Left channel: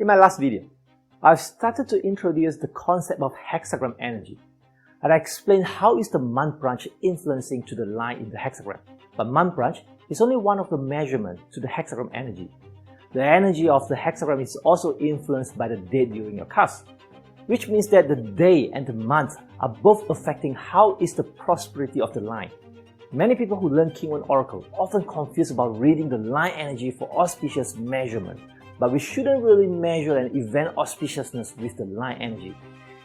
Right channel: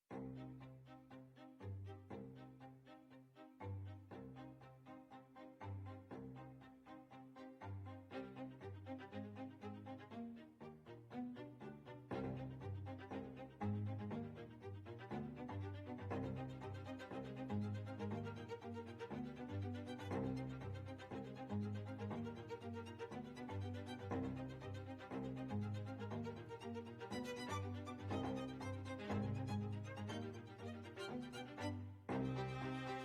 In my last video, I've started to introduce the concept of hexagram energy, and I explained how is the month branch influencing to the line in the hexagram. But month branch is only one of the measurements to the hexagram energy. The energy of the hexagram is also influenced by the date during your cast, which means that the day and the month are both affecting how is the prosperity of the line. Many people who learn King Wen Oracle often confused about reading the line energy for auspicious measurement, but we shouldn't really measure an event auspiciousness with the line energy.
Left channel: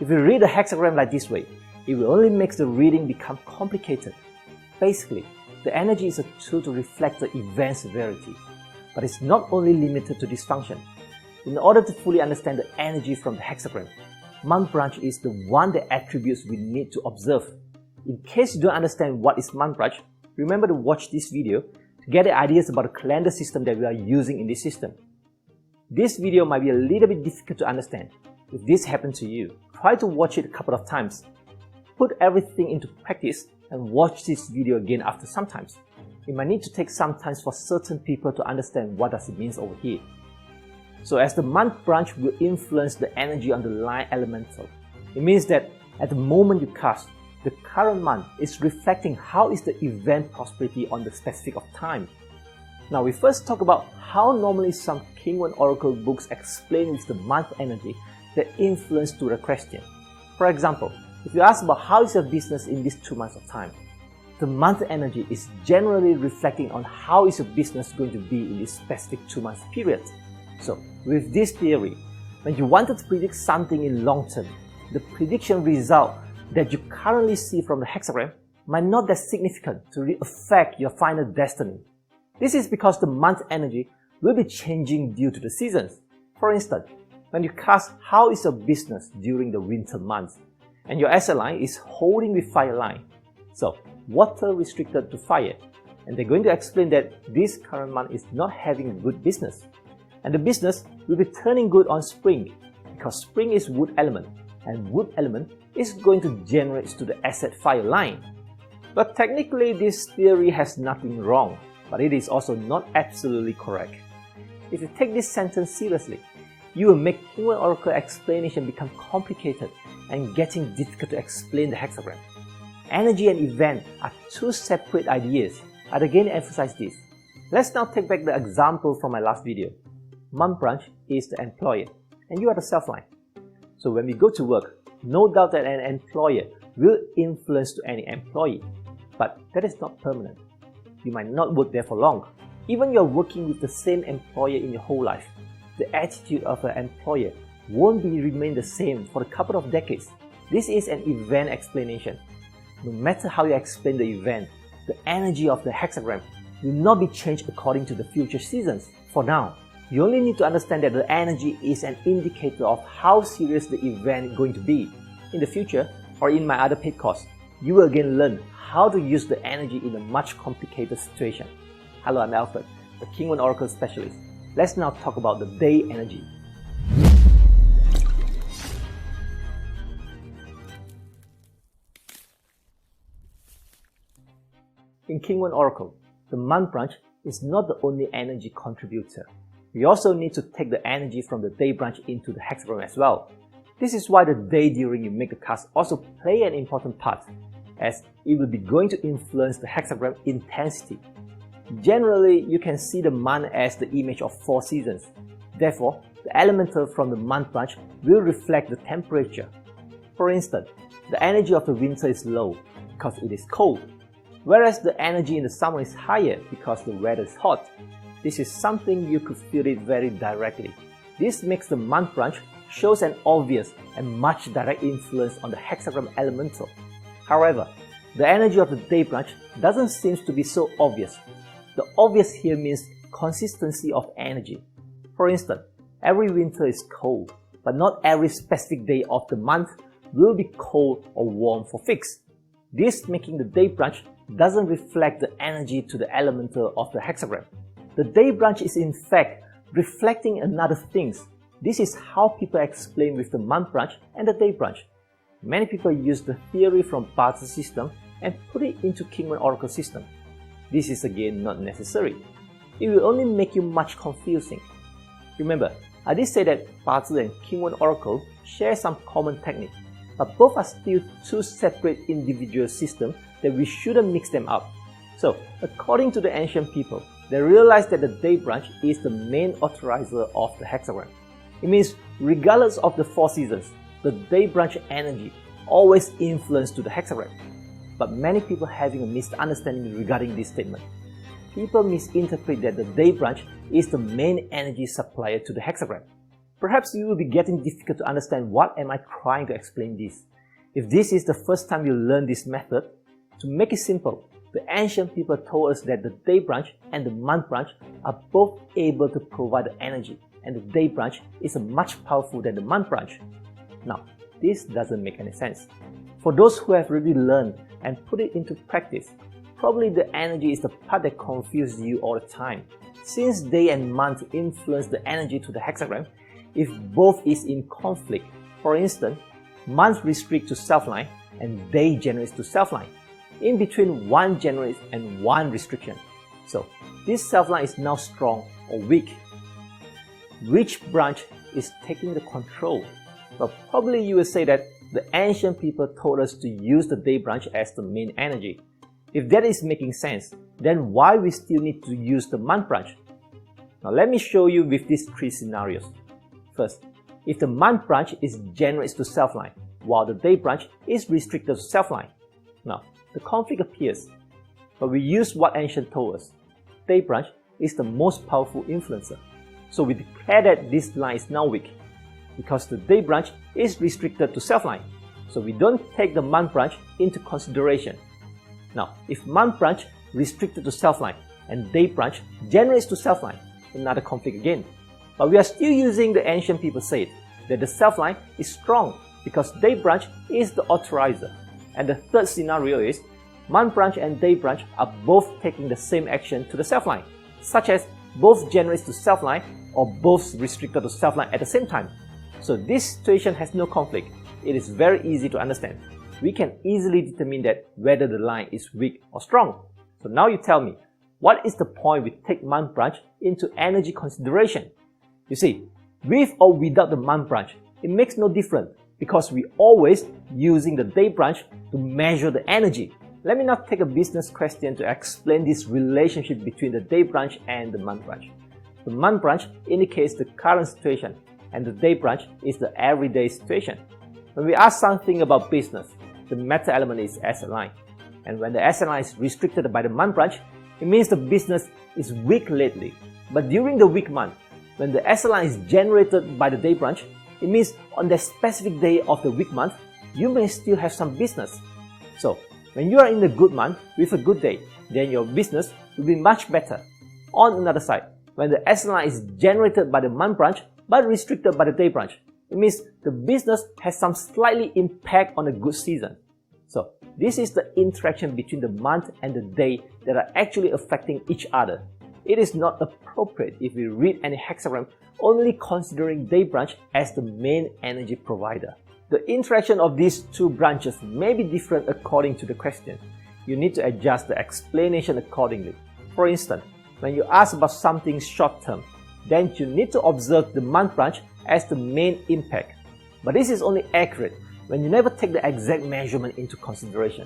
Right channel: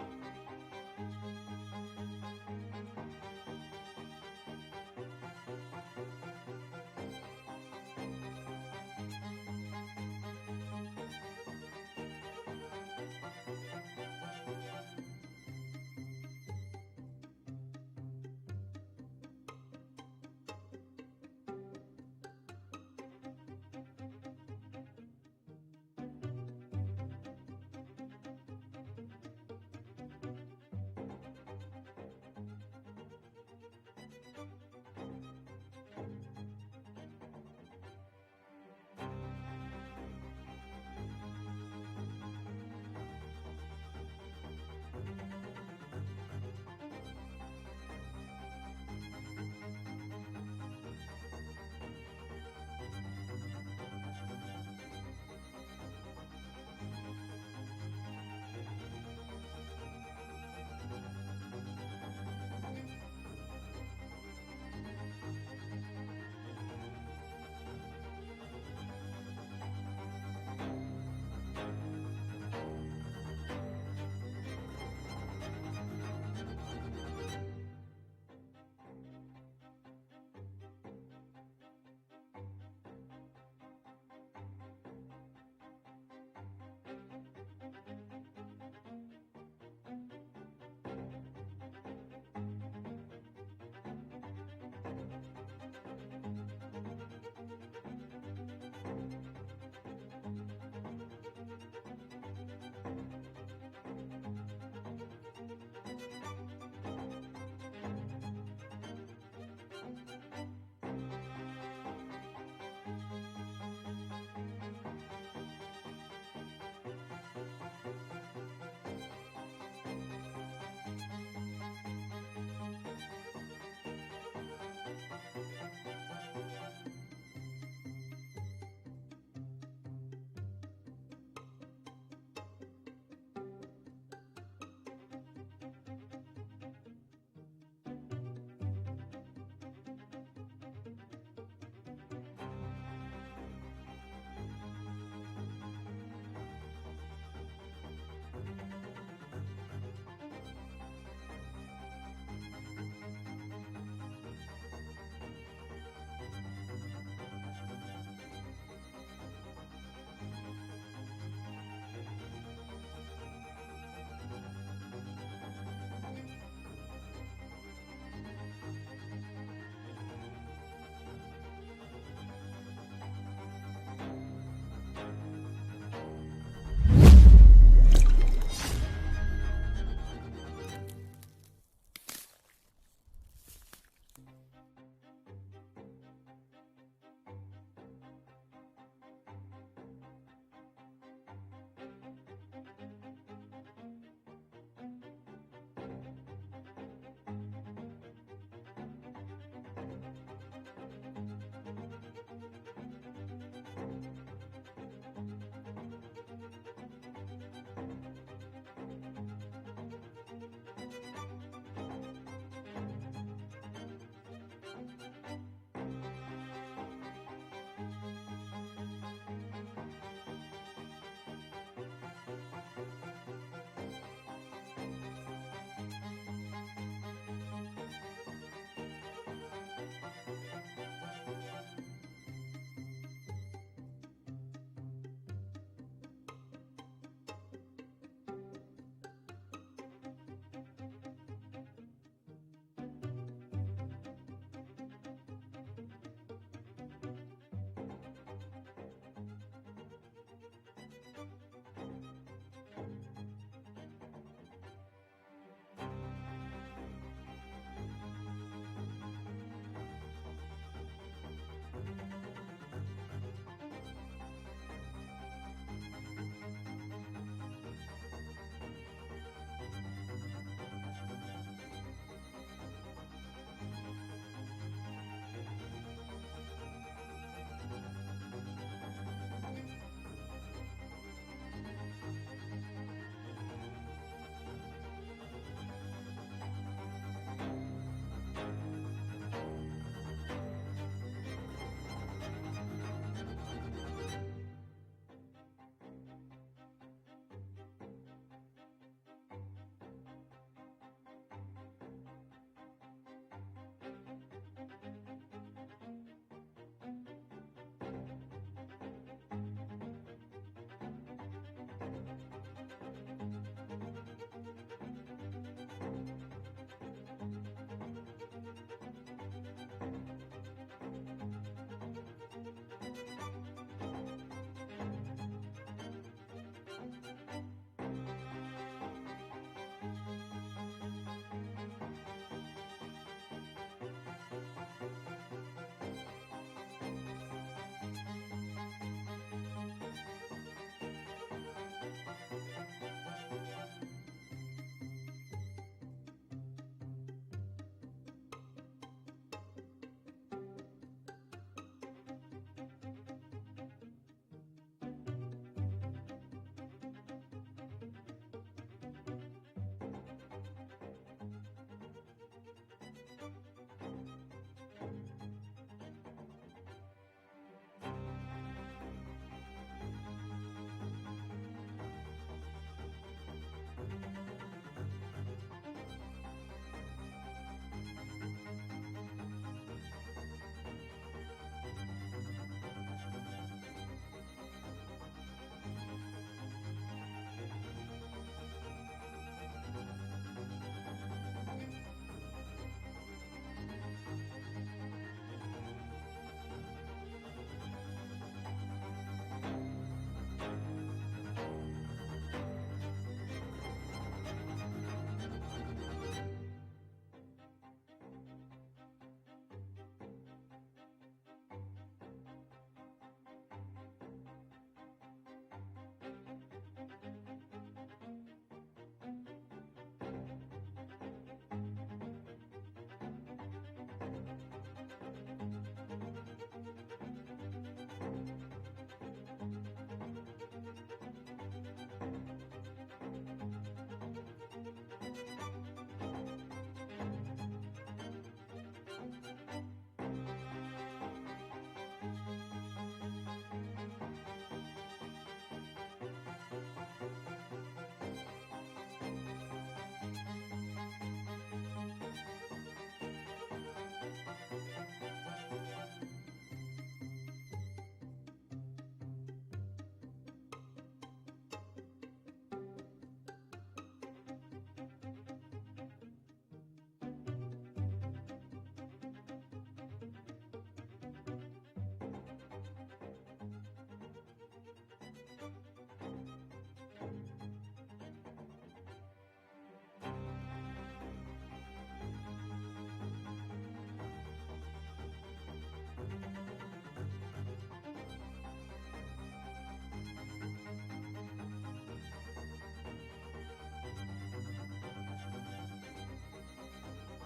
If you read the hexagram like this way, it will only make the reading become complicated. Basically, the energy is a tool to reflect the event severity, but it's not only limited to this function. In order to fully understand the energy from the hexagram, month branch is the one that attributes we need to observe. In case you don't understand what is month branch, remember to watch this video to get the ideas about the calendar system that we are using in this system. This video might be a little bit difficult to understand. If this happened to you, try to watch it a couple of times. Put everything into practice and watch this video again after sometimes. It might need to take some time for certain people to understand what does it mean over here. So as the month branch will influence the energy on the line elemental, it means that at the moment you cast, the current month is reflecting how is the event prosperity on the specific of time. Now we first talk about how normally some King Wen Oracle books explain with the month energy that influence to the question. For example, if you ask about how is your business in these 2 months of time, the month energy is generally reflecting on how is your business going to be in this specific 2 months period. So with this theory, when you wanted to predict something in long term, the prediction result that you currently see from the hexagram might not be that significant to really affect your final destiny. This is because the month energy will be changing due to the seasons. For instance, when you cast how is your business during the winter months, and your asset line is holding with fire line, so water restricted to fire, and they're going to explain that this current month is not having good business, and the business will be turning good on spring, because spring is wood element, and wood element is going to generate to the asset fire line. But technically this theory has nothing wrong, but it is also not absolutely correct. If you take this sentence seriously, you will make King Wen Oracle explanation become complicated and getting difficult to explain the hexagram. Energy and event are two separate ideas. I'd again emphasize this. Let's now take back the example from my last video. Month branch is the employer, and you are the self-line. So when we go to work, no doubt that an employer will influence to any employee, but that is not permanent. You might not work there for long. Even you're working with the same employer in your whole life, the attitude of an employer won't remain the same for a couple of decades. This is an event explanation. No matter how you explain the event, the energy of the hexagram will not be changed according to the future seasons. For now, you only need to understand that the energy is an indicator of how serious the event is going to be. In the future, or in my other paid course, you will again learn how to use the energy in a much complicated situation. Hello, I'm Alfred, the King Wen Oracle specialist. Let's now talk about the day energy. In King Wen Oracle, the month branch is not the only energy contributor. We also need to take the energy from the day branch into the hexagram as well. This is why the day during you make the cast also play an important part, as it will be going to influence the hexagram intensity. Generally, you can see the month as the image of 4 seasons. Therefore, the elemental from the month branch will reflect the temperature. For instance, the energy of the winter is low because it is cold, whereas the energy in the summer is higher because the weather is hot. This is something you could feel it very directly. This makes the month branch shows an obvious and much direct influence on the hexagram elemental. However, the energy of the day branch doesn't seem to be so obvious. The obvious here means consistency of energy. For instance, every winter is cold, but not every specific day of the month will be cold or warm for fixed. This making the day branch doesn't reflect the energy to the elemental of the hexagram. The day branch is in fact reflecting another things. This is how people explain with the month branch and the day branch. Many people use the theory from Barter system and put it into King Wen Oracle system. This is again not necessary. It will only make you much confusing. Remember, I did say that Bazi and King Wen Oracle share some common technique, but both are still two separate individual systems that we shouldn't mix them up. So, according to the ancient people, they realized that the day branch is the main authorizer of the hexagram. It means regardless of the 4 seasons, the day branch energy always influences to the hexagram. But many people having a misunderstanding regarding this statement. People misinterpret that the day branch is the main energy supplier to the hexagram. Perhaps you will be getting difficult to understand what am I trying to explain this. If this is the first time you learn this method, to make it simple, the ancient people told us that the day branch and the month branch are both able to provide the energy, and the day branch is much powerful than the month branch. Now, this doesn't make any sense. For those who have really learned and put it into practice, probably the energy is the part that confuses you all the time. Since day and month influence the energy to the hexagram, if both is in conflict, for instance, month restricts to self-line and day generates to self-line. In between, one generates and one restriction. So this self-line is now strong or weak. Which branch is taking the control? Well, probably you will say that the ancient people told us to use the day branch as the main energy. If that is making sense, then why we still need to use the month branch? Now let me show you with these 3 scenarios. First, if the month branch is generates to self-line, while the day branch is restricted to self-line. Now, the conflict appears, but we use what ancient told us. Day branch is the most powerful influencer. So we declare that this line is now weak, because the day branch is restricted to self-line. So we don't take the month branch into consideration. Now, if month branch restricted to self-line and day branch generates to self-line, another conflict again. But we are still using the ancient people said that the self-line is strong because day branch is the authorizer. And the third scenario is month branch and day branch are both taking the same action to the self-line, such as both generates to self-line or both restricted to self-line at the same time. So this situation has no conflict. It is very easy to understand. We can easily determine that whether the line is weak or strong. So now you tell me, what is the point we take month branch into energy consideration? You see, with or without the month branch, it makes no difference because we always using the day branch to measure the energy. Let me now take a business question to explain this relationship between the day branch and the month branch. The month branch indicates the current situation and the day branch is the everyday situation. When we ask something about business, the meta element is asset line. And when the asset line is restricted by the month branch, it means the business is weak lately. But during the weak month, when the asset line is generated by the day branch, it means on the specific day of the weak month, you may still have some business. So, when you are in a good month with a good day, then your business will be much better. On another side, when the asset line is generated by the month branch but restricted by the day branch, it means the business has some slightly impact on a good season. So, this is the interaction between the month and the day that are actually affecting each other. It is not appropriate if we read any hexagram only considering day branch as the main energy provider. The interaction of these two branches may be different according to the question. You need to adjust the explanation accordingly. For instance, when you ask about something short-term, then you need to observe the month branch as the main impact. But this is only accurate when you never take the exact measurement into consideration.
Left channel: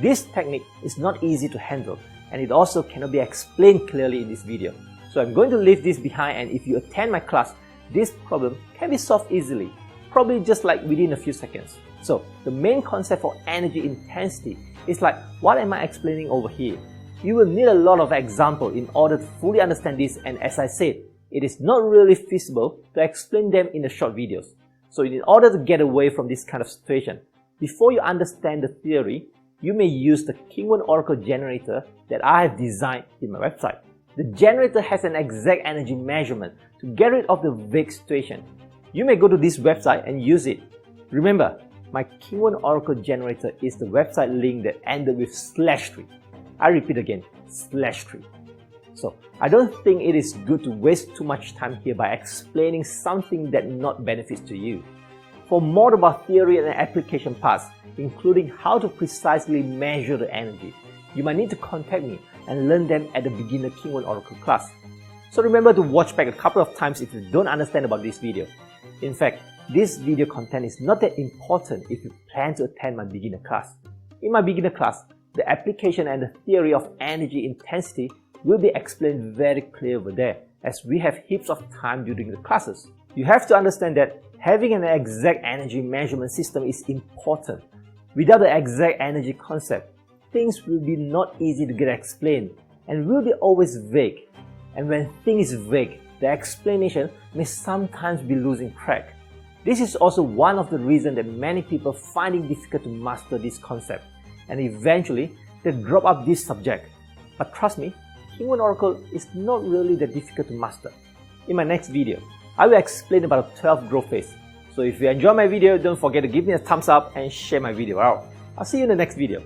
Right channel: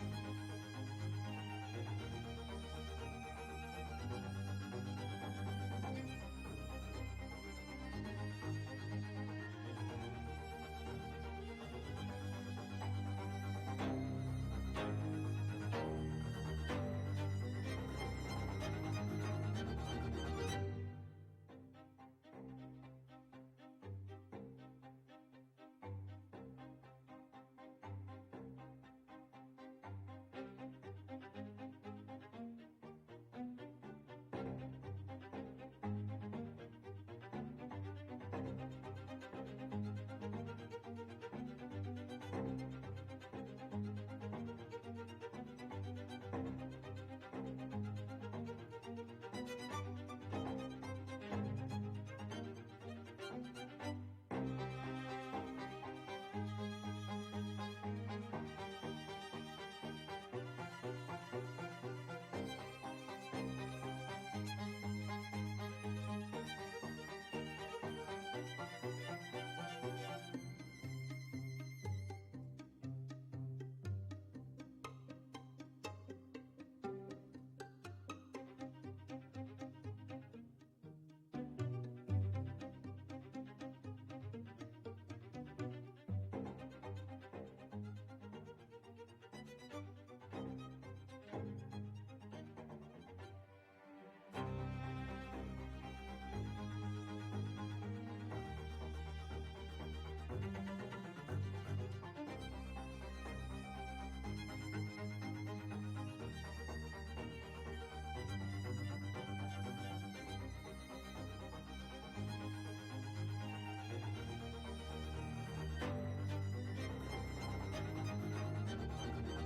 This technique is not easy to handle, and it also cannot be explained clearly in this video. So I'm going to leave this behind, and if you attend my class, this problem can be solved easily, probably just like within a few seconds. So the main concept for energy intensity is like what am I explaining over here. You will need a lot of examples in order to fully understand this, and as I said, it is not really feasible to explain them in the short videos. So in order to get away from this kind of situation, before you understand the theory, you may use the King Wen Oracle generator that I have designed in my website. The generator has an exact energy measurement to get rid of the vague situation. You may go to this website and use it. Remember, my King Wen Oracle generator is the website link that ended with /3. I repeat again, /3. So I don't think it is good to waste too much time here by explaining something that not benefits to you. For more about theory and application parts, including how to precisely measure the energy, you might need to contact me and learn them at the beginner King Wen Oracle class. So remember to watch back a couple of times if you don't understand about this video. In fact, this video content is not that important if you plan to attend my beginner class. In my beginner class, the application and the theory of energy intensity will be explained very clear over there, as we have heaps of time during the classes. You have to understand that having an exact energy measurement system is important. Without the exact energy concept, things will be not easy to get explained and will be always vague. And when things is vague, the explanation may sometimes be losing track. This is also one of the reasons that many people find it difficult to master this concept, and eventually they drop up this subject. But trust me, King Wen Oracle is not really that difficult to master. In my next video, I will explain about the 12 growth phase. So if you enjoy my video, don't forget to give me a thumbs up and share my video out. I'll see you in the next video.